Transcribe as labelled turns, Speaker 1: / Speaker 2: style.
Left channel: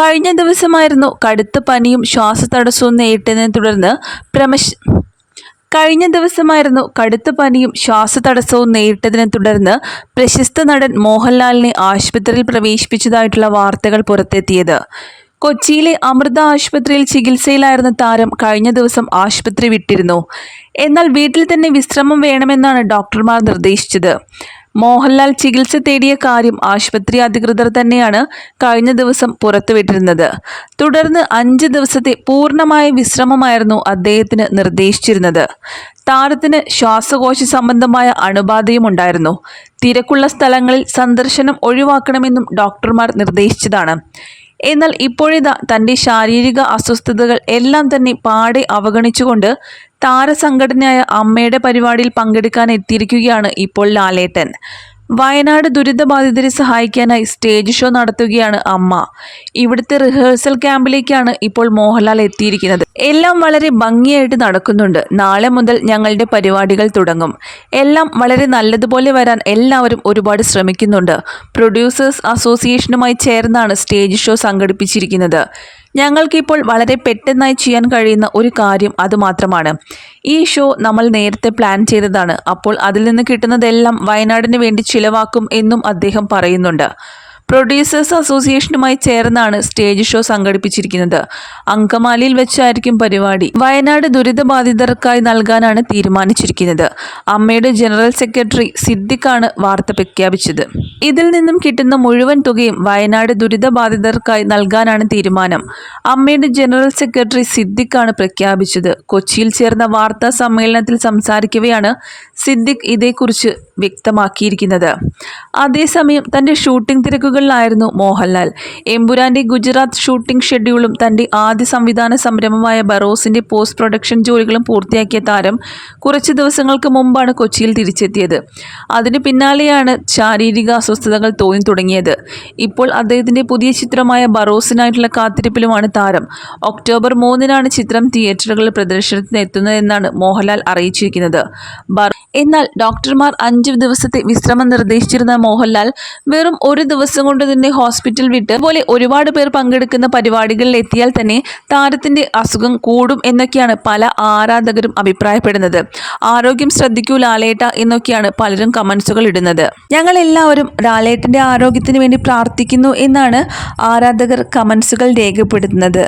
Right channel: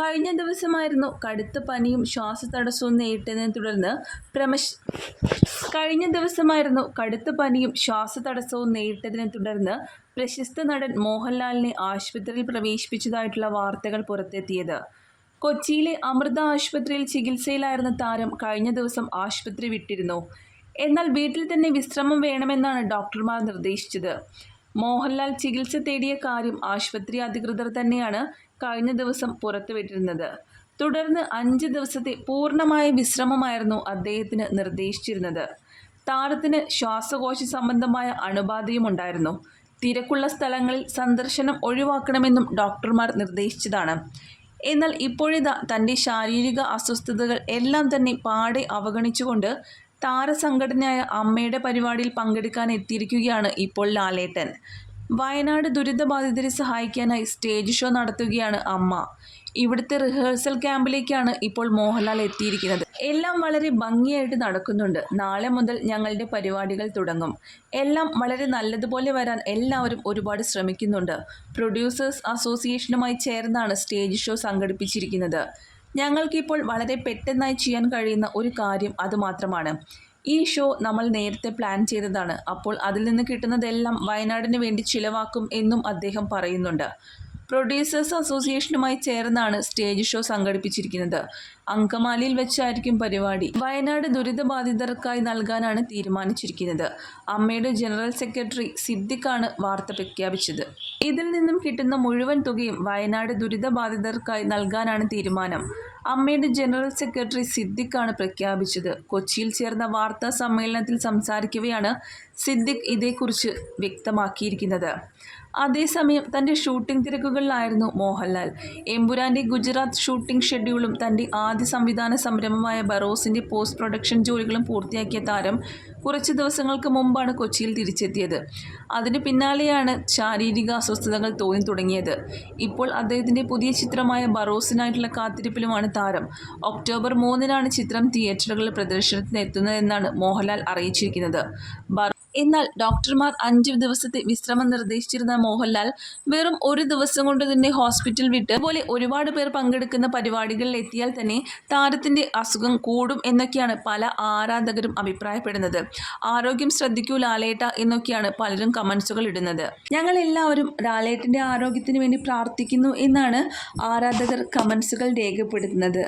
Speaker 1: കഴിഞ്ഞ ദിവസമായിരുന്നു കടുത്ത പനിയും ശ്വാസതടസ്സവും നേരിട്ടതിനെ തുടർന്ന് പ്രമശ് കഴിഞ്ഞ ദിവസമായിരുന്നു കടുത്ത പനിയും ശ്വാസതടസ്സവും നേരിട്ടതിനെ തുടർന്ന് പ്രശസ്ത നടൻ മോഹൻലാലിനെ ആശുപത്രിയിൽ പ്രവേശിപ്പിച്ചതായിട്ടുള്ള വാർത്തകൾ പുറത്തെത്തിയത്. കൊച്ചിയിലെ അമൃത ആശുപത്രിയിൽ ചികിത്സയിലായിരുന്ന താരം കഴിഞ്ഞ ദിവസം ആശുപത്രി വിട്ടിരുന്നു. എന്നാൽ വീട്ടിൽ തന്നെ വിശ്രമം വേണമെന്നാണ് ഡോക്ടർമാർ നിർദ്ദേശിച്ചത്. മോഹൻലാൽ ചികിത്സ തേടിയ കാര്യം ആശുപത്രി അധികൃതർ തന്നെയാണ് കഴിഞ്ഞ ദിവസം പുറത്തുവിട്ടിരുന്നത്. തുടർന്ന് അഞ്ച് ദിവസത്തെ പൂർണമായ വിശ്രമമായിരുന്നു അദ്ദേഹത്തിന് നിർദ്ദേശിച്ചിരുന്നത്. താരത്തിന് ശ്വാസകോശ സംബന്ധമായ അണുബാധയും ഉണ്ടായിരുന്നു. തിരക്കുള്ള സ്ഥലങ്ങളിൽ സന്ദർശനം ഒഴിവാക്കണമെന്നും ഡോക്ടർമാർ നിർദ്ദേശിച്ചതാണ്. എന്നാൽ ഇപ്പോഴിതാ തന്റെ ശാരീരിക അസ്വസ്ഥതകൾ എല്ലാം തന്നെ പാടെ അവഗണിച്ചുകൊണ്ട് താരസംഘടനയായ അമ്മയുടെ പരിപാടിയിൽ പങ്കെടുക്കാൻ എത്തിയിരിക്കുകയാണ് ഇപ്പോൾ ലാലേട്ടൻ. വയനാട് ദുരിതബാധിതരെ സഹായിക്കാനായി സ്റ്റേജ് ഷോ നടത്തുകയാണ് അമ്മ. ഇവിടുത്തെ റിഹേഴ്സൽ ക്യാമ്പിലേക്കാണ് ഇപ്പോൾ മോഹൻലാൽ എത്തിയിരിക്കുന്നത്. എല്ലാം വളരെ ഭംഗിയായിട്ട് നടക്കുന്നുണ്ട്. നാളെ മുതൽ ഞങ്ങളുടെ പരിപാടികൾ തുടങ്ങും. എല്ലാം വളരെ നല്ലതുപോലെ വരാൻ എല്ലാവരും ഒരുപാട് ശ്രമിക്കുന്നുണ്ട്. പ്രൊഡ്യൂസേഴ്സ് അസോസിയേഷനുമായി ചേർന്നാണ് സ്റ്റേജ് ഷോ സംഘടിപ്പിച്ചിരിക്കുന്നത്. ഞങ്ങൾക്കിപ്പോൾ വളരെ പെട്ടെന്നായി ചെയ്യാൻ കഴിയുന്ന ഒരു കാര്യം അതുമാത്രമാണ് ഈ ഷോ നമ്മൾ നേരത്തെ പ്ലാൻ ചെയ്തതാണ്. അപ്പോൾ അതിൽ നിന്ന് കിട്ടുന്നതെല്ലാം വയനാടിന് വേണ്ടി ചിലവാക്കും എന്നും അദ്ദേഹം പറയുന്നുണ്ട്. പ്രൊഡ്യൂസേഴ്സ് അസോസിയേഷനുമായി ചേർന്നാണ് സ്റ്റേജ് ഷോ സംഘടിപ്പിച്ചിരിക്കുന്നത്. അങ്കമാലിയിൽ വെച്ചായിരിക്കും പരിപാടി. വയനാട് ദുരിതബാധിതർക്കായി നൽകാനാണ് തീരുമാനിച്ചിരിക്കുന്നത്. അമ്മയുടെ ജനറൽ സെക്രട്ടറി സിദ്ദിഖാണ് വാർത്ത പ്രഖ്യാപിച്ചത്. ഇതിൽ നിന്നും കിട്ടുന്ന മുഴുവൻ തുകയും വയനാട് ദുരിതബാധിതർക്കായി നൽകാനാണ് തീരുമാനം. അമ്മയുടെ ജനറൽ സെക്രട്ടറി സിദ്ദിഖാണ് പ്രഖ്യാപിച്ചത്. കൊച്ചിയിൽ ചേർന്ന വാർത്താ സമ്മേളനത്തിൽ സംസാരിക്കവെയാണ് സിദ്ദിഖ് ഇതേക്കുറിച്ച് വ്യക്തമാക്കിയിരിക്കുന്നത്. അതേസമയം തന്റെ ഷൂട്ടിംഗ് തിരക്കുകളിലായിരുന്നു മോഹൻലാൽ. എമ്പുരാന്റെ ഗുജറാത്ത് ഷൂട്ടിംഗ് ഷെഡ്യൂളും തന്റെ ആദ്യ സംവിധാന സംരംഭമായ ബറോസിന്റെ പോസ്റ്റ് പ്രൊഡക്ഷൻ ജോലികളും പൂർത്തിയാക്കിയ താരം കുറച്ച് ദിവസങ്ങൾക്ക് മുമ്പാണ് കൊച്ചിയിൽ തിരിച്ചെത്തിയത്. അതിന് പിന്നാലെയാണ് ശാരീരിക അസ്വസ്ഥതകൾ തോന്നി തുടങ്ങിയത്. ഇപ്പോൾ അദ്ദേഹത്തിന്റെ പുതിയ ചിത്രമായ ബറോസിനായിട്ടുള്ള കാത്തിരിപ്പിലുമാണ് താരം. ഒക്ടോബർ മൂന്നിനാണ് ചിത്രം തിയേറ്ററുകളിൽ പ്രദർശനത്തിന് എത്തുന്നതെന്നാണ് മോഹൻലാൽ അറിയിച്ചിരിക്കുന്നത്. എന്നാൽ ഡോക്ടർമാർ അഞ്ച് ദിവസത്തെ വിശ്രമം നിർദ്ദേശിച്ചിരുന്ന മോഹൻലാൽ വെറും ഒരു ദിവസം കൊണ്ട് തന്നെ ഹോസ്പിറ്റൽ വിട്ട് അതുപോലെ ഒരുപാട് പേർ പങ്കെടുക്കുന്ന പരിപാടികളിൽ എത്തിയാൽ തന്നെ താരത്തിന്റെ അസുഖം കൂടും എന്നൊക്കെയാണ് പല ആരാധകരും അഭിപ്രായപ്പെടുന്നത്. ആരോഗ്യം ശ്രദ്ധിക്കൂ ലാലേട്ട എന്നൊക്കെയാണ് പലരും കമൻസുകൾ ഇടുന്നത്. ഞങ്ങൾ എല്ലാവരും ലാലേട്ടന്റെ ആരോഗ്യത്തിന് വേണ്ടി പ്രാർത്ഥിക്കുന്നു എന്നാണ് ആരാധകർ കമൻസുകൾ രേഖപ്പെടുത്തുന്നത്.